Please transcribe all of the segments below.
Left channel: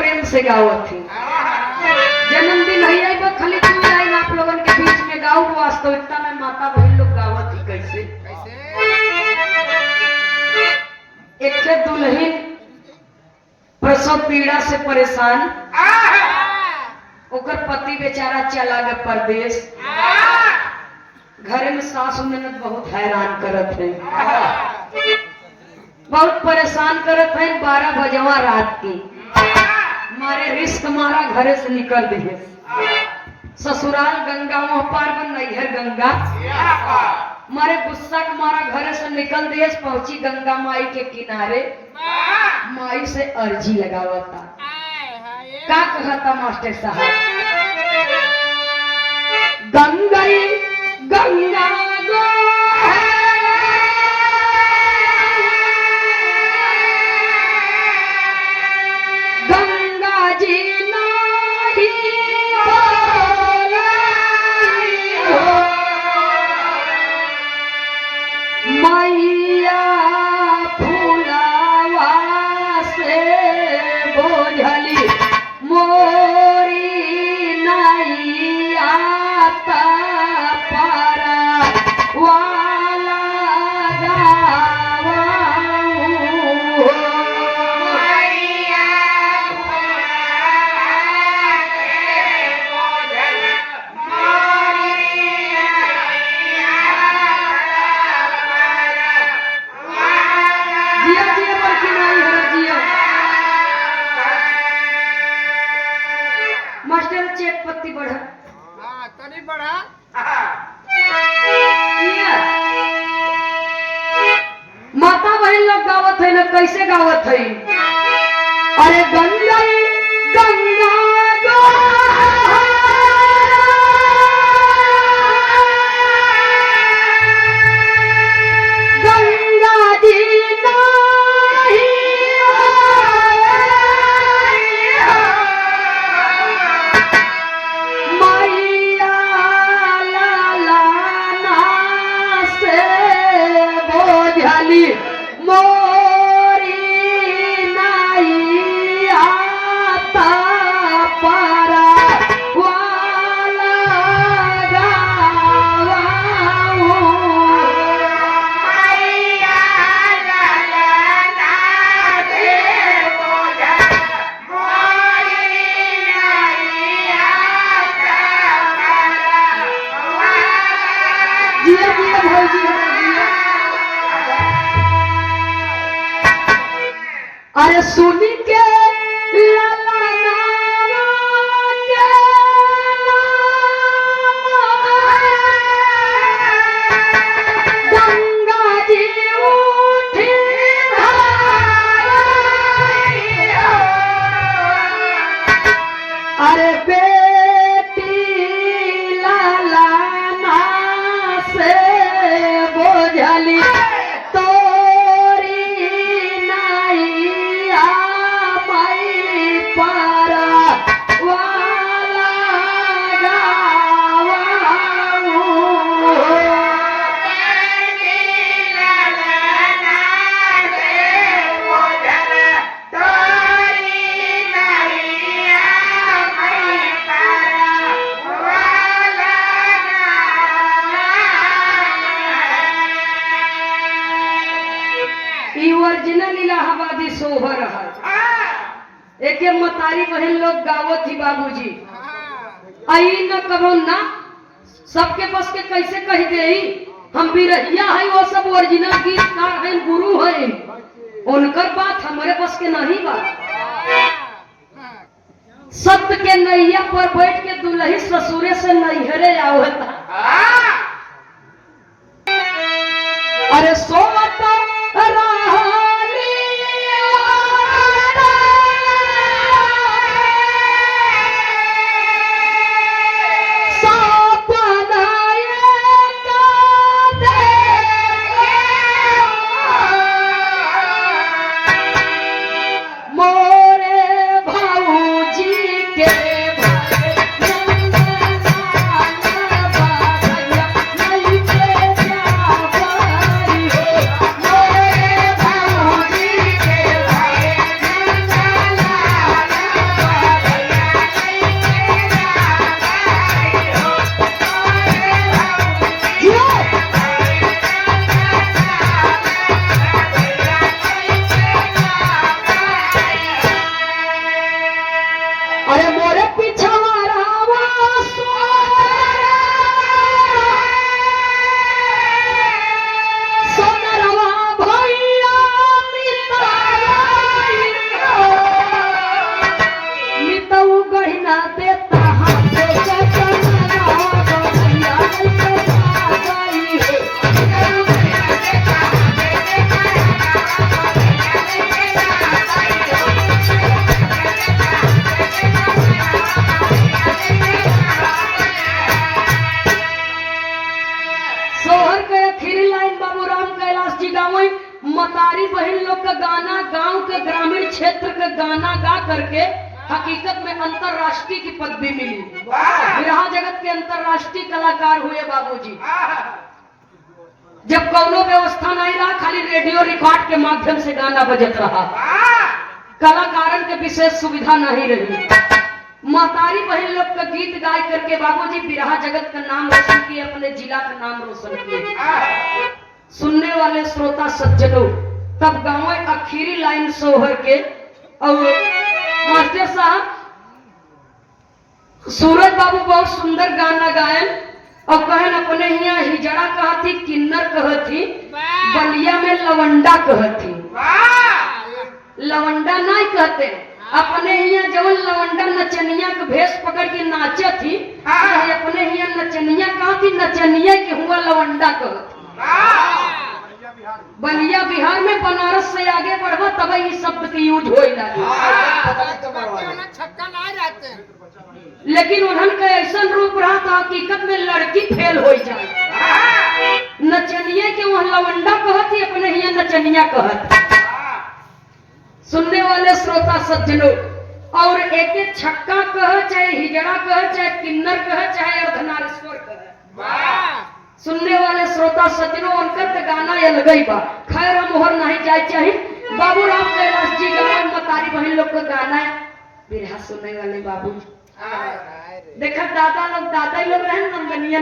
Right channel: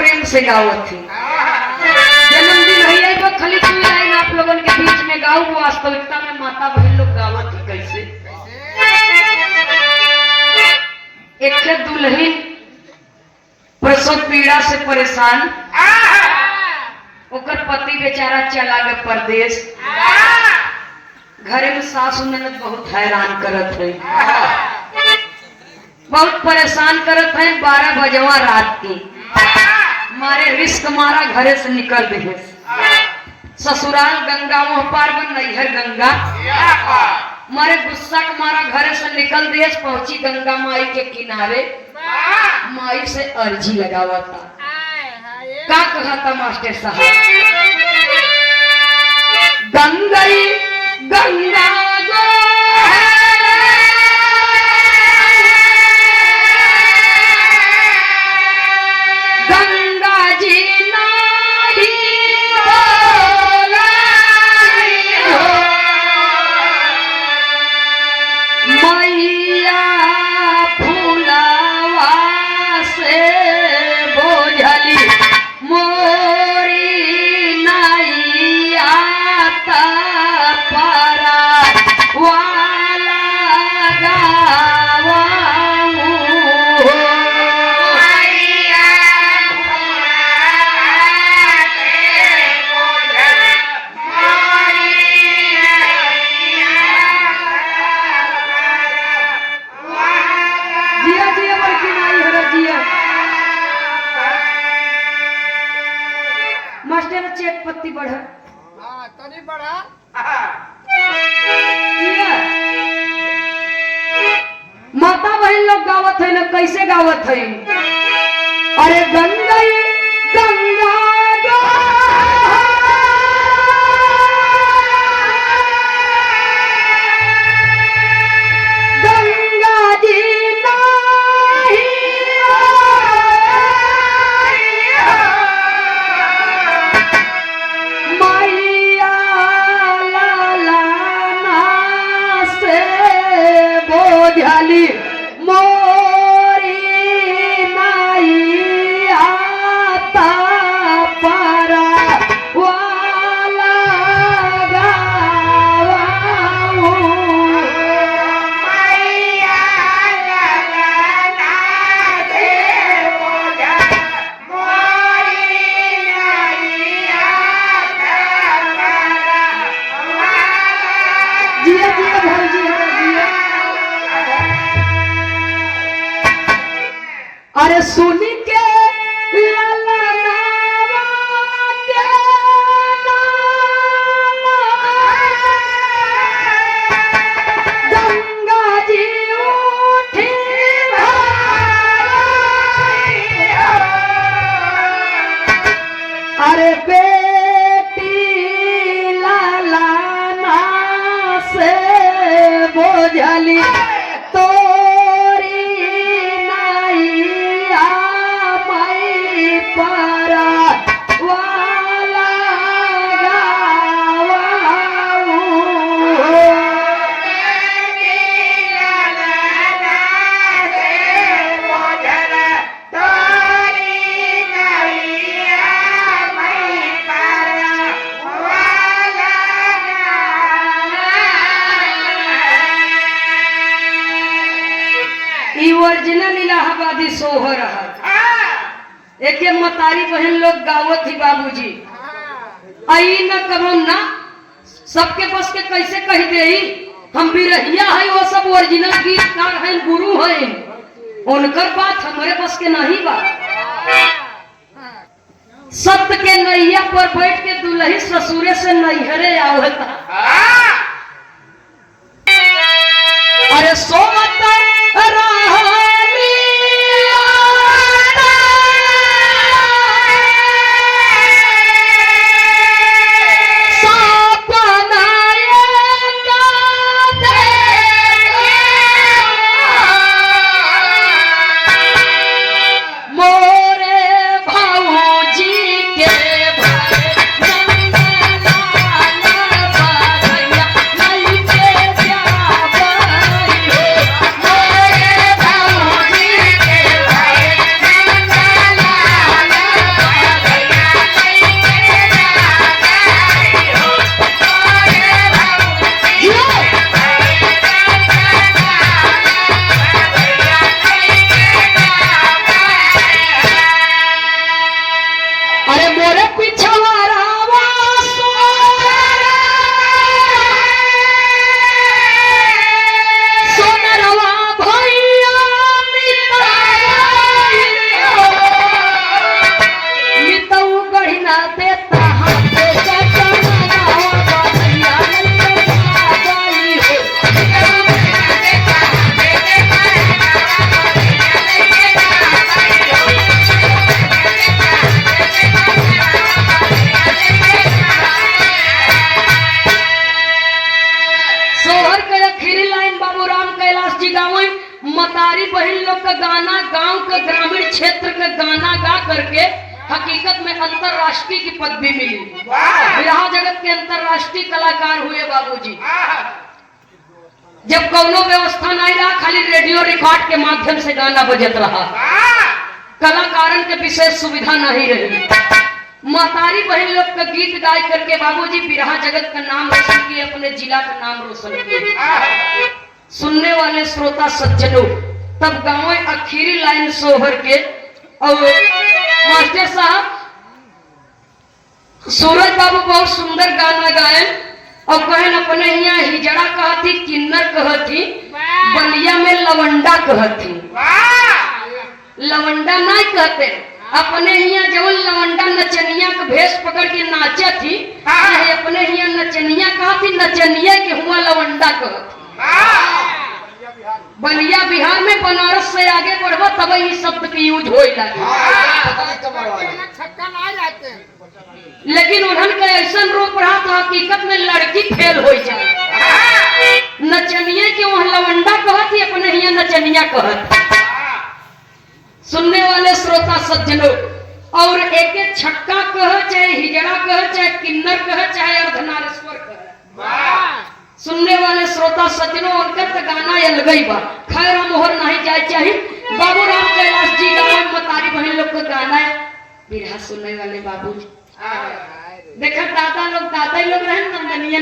प्रेम से गावत थी। जन्मदिन है तो खाली दो लाइन आप लोगों के बीच में गाऊं। वास्तविकता में माता बहन लोग गावत थी कैसे। एक दुल्हन प्रसव पीड़ा से परेशान, ओकर पति बेचारा चला गए परदेश। घरे में सासू ननद बहुत हैरान करत है, बहुत परेशान करत है। 12 बजवा रात की मारे रिस्क मारा घरे से निकल रहे। ससुराल गंगा मोह पार बन नैहर गंगा मारे गुस्सा के मारा घरे से निकल देश। पहुंची गंगा माई के किनारे, माई से अर्जी लगावा था। का कहा था मास्टर साहब, गंगई गंगा माता बहन लोग गावत है ना, कैसे गावत है। अरे गंगा गंगा गंगा जी सुनी के गंगा जी उठी अरे बेटी लाला ना से बोझली ओरिजिनल इलाहाबादी सोहर है। एक मतारी बहन लोग गावत ही बाबूजी आई न कहो ना सबके बस के कैसे कह दे। हम बिरहिया है, वो सब ओरिजिनल गीतकार हैं, गुरु हैं, उनकर बात हमारे बस के नहीं बात। सत्य के नैया पर बैठ के दुल्ही ससुरे से नैहरे आवत। अरे सोवत हकीकत में अंतरराष्ट्रीय की पदवी मिली। बिरहा जगत के अंतरराष्ट्रीय कलाकार हुए बाबूजी। जब कौनो व्यवस्था नहीं रहा, खाली रेडियो रिकॉर्ड के माध्यम से गाना बजत रहा, कलाकारन के विशेष सुविधा नहीं रही। महतारी बहन लोग का गीत गाय करके बाबूजी बिरहा जगत का नाम रोशन किए, अपने जिला का नाम रोशन किए। सुनने वाले श्रोता सज्जनों, तब गाँव आखिरी लाइन सोहर के और मास्टर साहब सूरज बाबू बहुत सुंदर गाना गाए और कहन अपने यहाँ हिजड़ा कहती, किन्नर कहती, बलिया में लवंडा कहती। लवंडा नहीं कहते, अपने यहाँ जब लवंडा नचनिया के भेष पकड़ के नाचा थी, अपने यहाँ नचनिया कहती, नचनिया के हुआ लवंडा कहती। बलिया बिहार में, बनारस से आगे बढ़वा तब इस शब्द की यूज हो लगे। लेकिन उन्होंने ऐसा रूप रहा था, हकीकत में लड़की फेल हो जाए। नचनिया के वह लवंडा कहती, अपने यहाँ नचनिया कहती। सुनने वाले श्रोता सज्जनों, और एक छक्का कह, चाहे हिजड़ा कह, चाहे किन्नर कह, चाहे अर्धनारेश्वर कह, सुनने वाले श्रोता सज्जनों, उनका तो गाना अलगई बा। खैर मोहर नहीं जाए चाहिए। बाबूराम कैलाश जी गाँव मतारी बहन लोग को गाना है बिरहा सुनने वाले बाबू। देखा दादा लोग रहे नंदनीय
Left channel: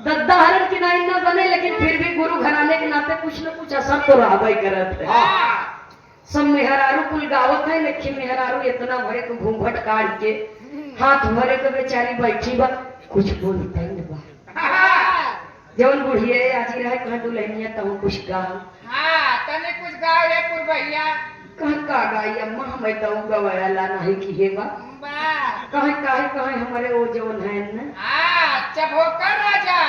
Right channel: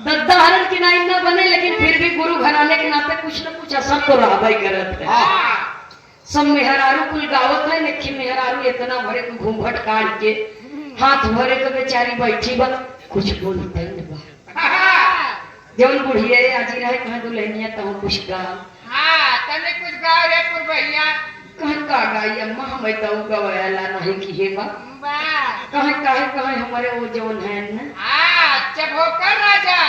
दद्दा हरण की नाई न बने, लेकिन फिर भी गुरु घराने के नाते कुछ न कुछ असर तो रहा करत है। सब मेहरारू कुल गावत है, लेकिन मेहरारू इतना भरे को घूंघट काट के हाथ भरे तो बेचारी बैठी बा, कुछ बोलते न बा। जवन बुढ़िया आजी रहे कहे दुल्हनिया तो कुछ गाओ। तने कुछ गाओ रे पुरभैया। कहे का गाई अम्मा, हमें तो गवायाला नहीं की है बा। कहे हमारे वो जवन है न, चबोकर राजा,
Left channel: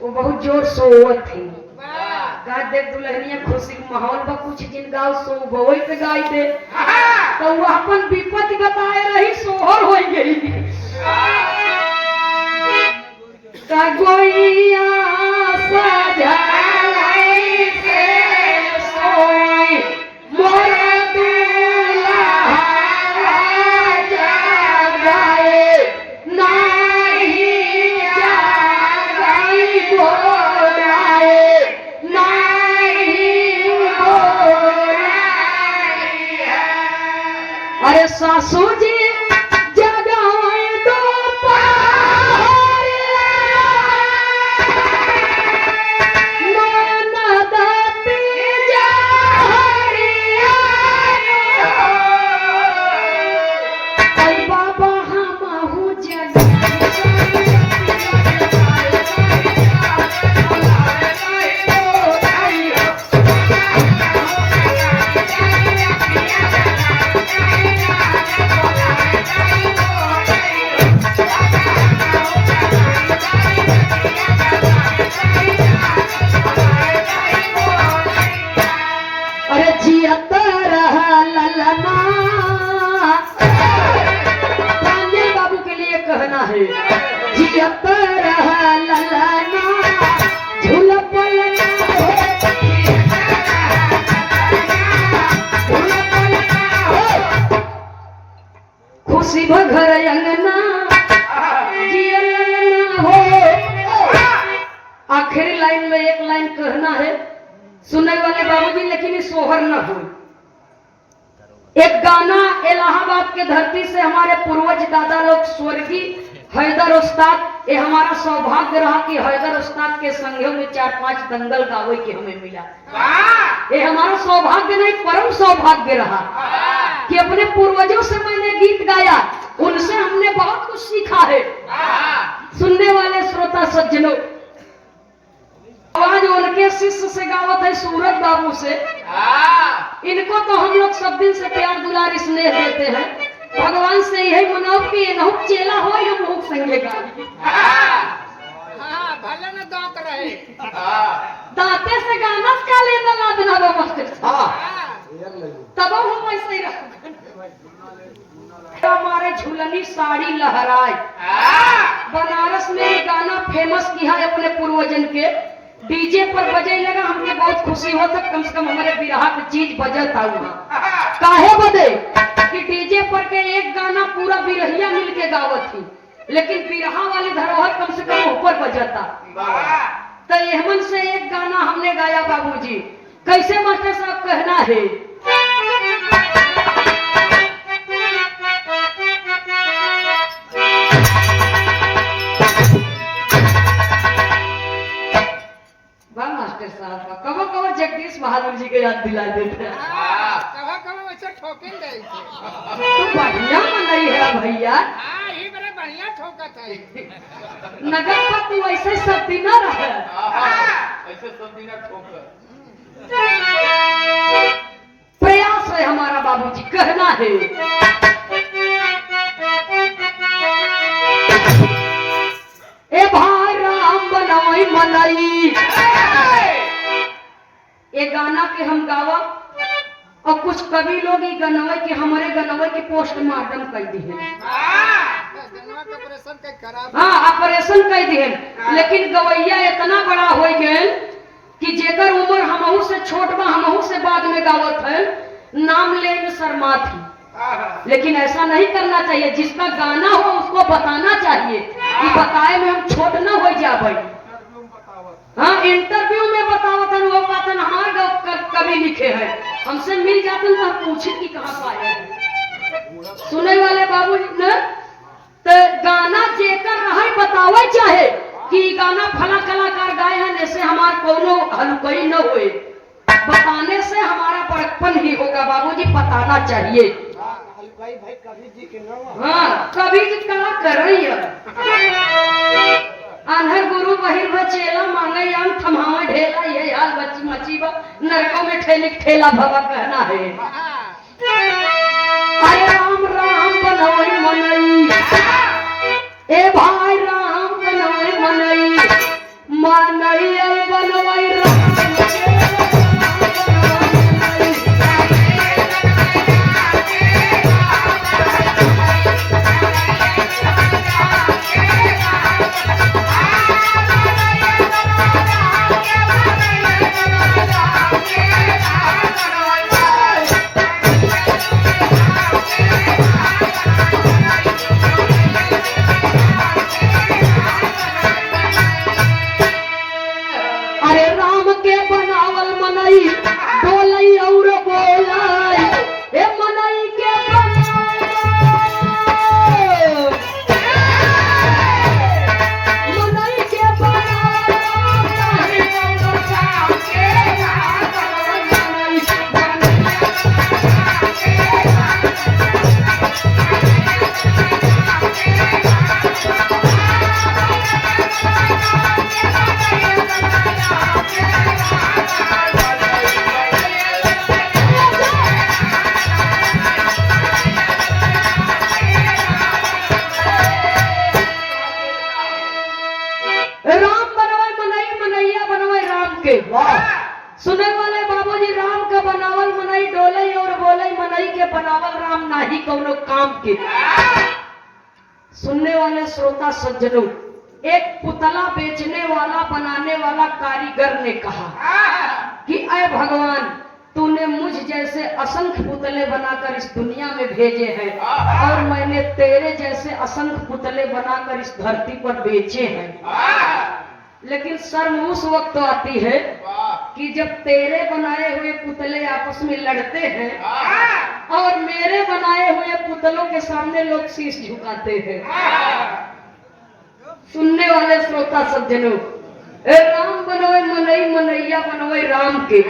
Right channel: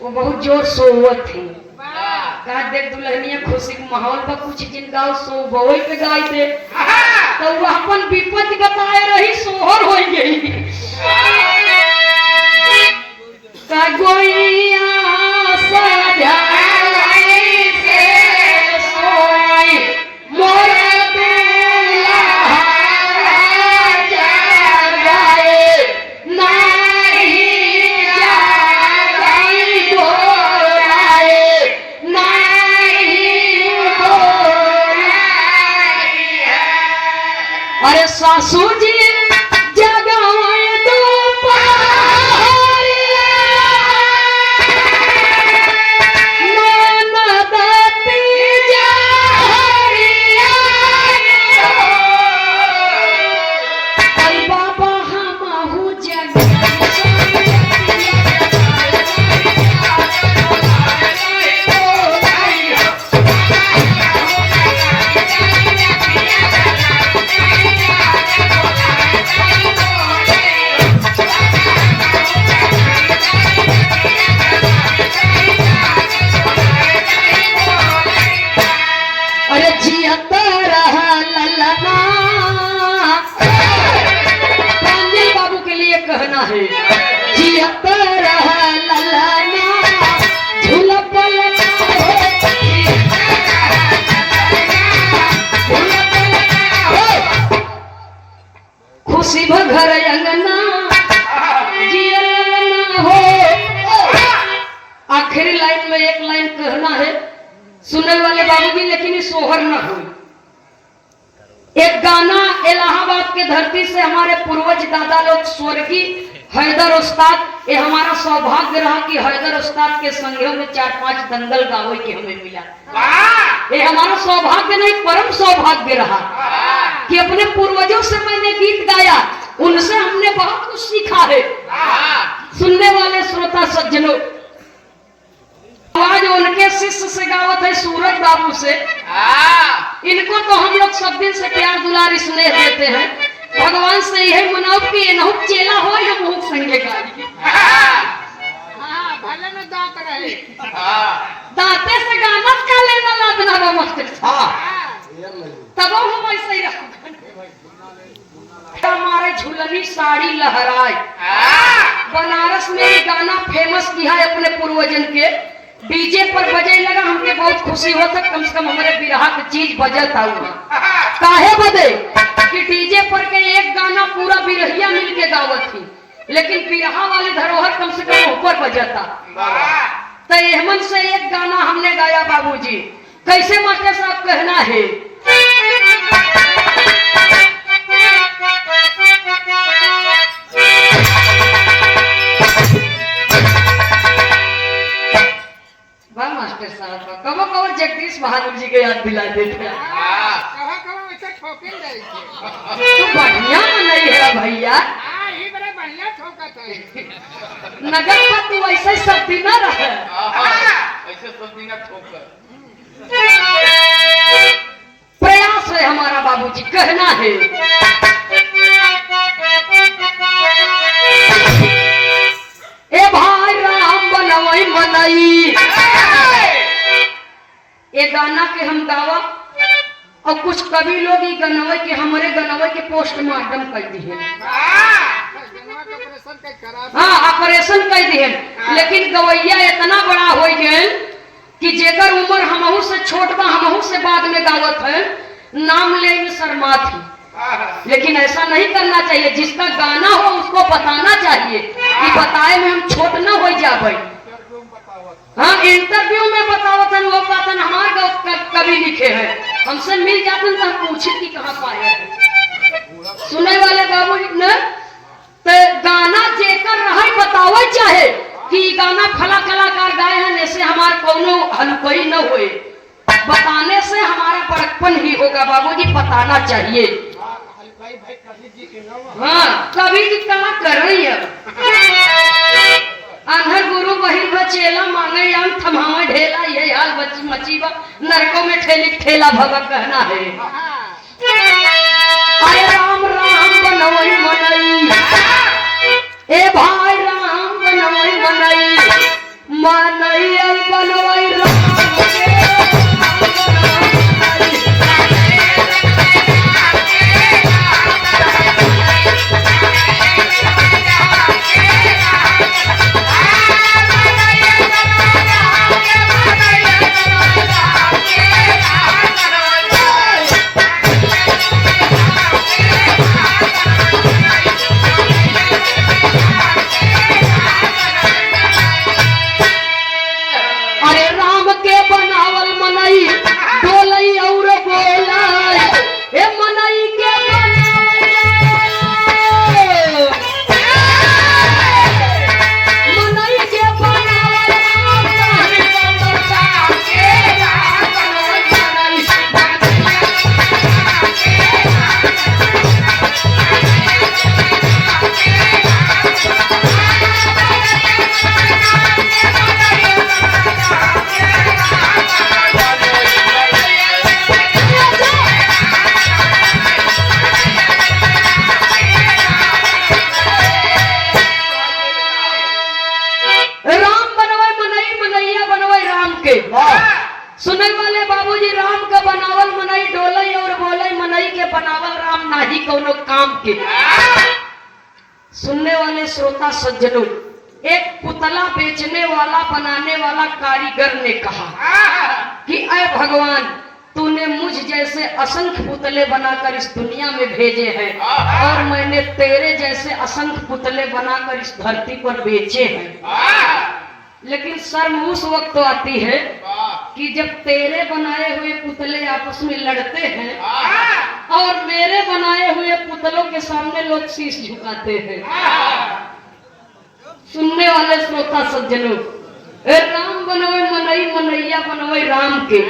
वो बहुत जोर सोवत थी। कहा देख दुल्हनिया खुशी के माहौल पर कुछ दिन गाओ, सो बोई पे गाई दे। तो वो अपन विपत्ति बताए रही, सोहर हो गई। का गोइया सजाई से सोई मोरा दूल्हा जाए, नहीं जाए बोलाए, नहीं बोलाए। अरे सासू जी घर अंगना हो। आखिरी लाइन में एक लाइन कहना है सुनने वाले बाबूजी, लेकिन सोहर न हो। एक गाना इलाहाबाद की धरती से हमारे पूर्वज दादा लोग स्वर्गीय हैदर उस्ताद, ये हमारा सौभाग्य रहा कि हैदर उस्ताद के संगियों में 4-5 दंगल गावे के हमें मिला। ये हमारा सौभाग्य नहीं, परम सौभाग्य रहा कि अपने पूर्वजों से मैंने गीत गाया, उनसे हमने बहुत कुछ सीखा है। सुनने वाले श्रोता सज्जनों, आवाज उनके शिष्य से गावत है सूरज बाबू से। इनको तो हम लोग सब दिन से प्यार दुलार स्नेह देते हैं। भगवान से यही मनाओ कि ये नहुक चेला हो या मुख संगे गाली। भले न दांत रहे, दांते से गाना का लेना लादना वो मास्टर तब हम ऐसे ही रहा। हमारे झुलनी साड़ी लहराए, बनारस में ये गाना फेमस किया है अपने पूर्वजन के। डीजे पर बजे लगा, हमके बहुत खुशी होता, कम से कम हमारे बिरहा की चीज बजता हुआ। काहे बदे कि डीजे बिरहिया मिल के गावत थी, लेकिन बिरहा वाले धरोहर कम से कम ऊपर बजता। तो एहमन से एक गाना हमने गाया बाबूजी। कैसे मास्टर साहब कहना है? वाह मास्टर साहब, कबो कबो जगदीश बहादुर जी के याद दिला देते हैं। कहो कहो ऐसे ठोकिन गई थे। तू बढ़िया नहीं है भैया, ही बड़े बढ़िया ठोकत है। नगर पर तू ऐसे सब दिन रहे। ऐसे सब दिन ठोक। प्रयास है हमारा बाबूजी, कहना है। ए भाई राम बनवाई मनाई, ये गाना के हम गावा और कुछ कवि लोग ये गनवे के हमारे गनवे के पोस्टमार्टम कर दिए। हाँ, ऑपरेशन कर दिए, लेकिन गवैया इतना बड़ा हो गए कि जेकर उम्र हमहू से छोट बा, हमहू से बाद में गावत है, नाम ले में शर्मा थी। लेकिन ऐसा नहीं करना चाहिए, जिसका गाना हो उसको बताना चाहिए कि बताए में हम छोट न हो जाए। हाँ, इंटरव्यू में बतावत वो बातन हमारे कभी लिखे हैं, हमसे मिल जाते तो हम पूछे कि कहाँ पाए हैं। सुने वाले बाबू ने तो गाना जेकर रहे बतावे चाहे कि गाना फला कलाकार गाए हैं, ऐसे हमार कोनो हलकई न हुए। बताने से हमारा बड़कपन ही होगा बाबूजी, बताना चाहिए। हाँ, कभी जी कहा कर रही है। आन्हर गुरु बहिन बचेला मांगे आम थमावे ढेला, ये हाल बच्ची मचीबा नरकों में ठेले ठेला भगा कहना है। अरे राम राम बनवई मनई, ए भाई राम बनवई मनई, मनई बनवई राम सुने वाले बाबूजी, राम का बनावल मनई डोले और बोले मनई के बनावल राम नाही कोनो काम के। सुनने वाले श्रोता सज्जनों, एक पुतला बेचने वाला बनाने वाला कारीगर ने कहा कि अय भगवान, तूने मुझ जैसे असंख्य पुतले बनाकर इस दुनिया में भेजे हैं और मैंने तेरे जैसे असंख्य पुतले बनाकर इस धरती पर बेचे हैं। लेकिन शर्म उस वक्त तो आती है कि जब तेरे बनाए हुए पुतले आपस में लड़ते हैं और मेरे बनाए हुए पुतलों के सामने लोग शीश झुकाते हैं। सुनने वाले श्रोता सज्जनों, राम बनवे मनई, मनैया बनवे राम के।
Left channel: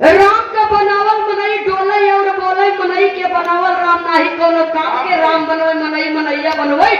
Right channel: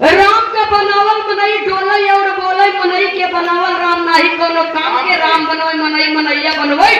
राम का बनावल मनई डोले और बोले मनई के बनावल राम नाही कोनो काम के। राम बनवे मनई, मनैया बनवे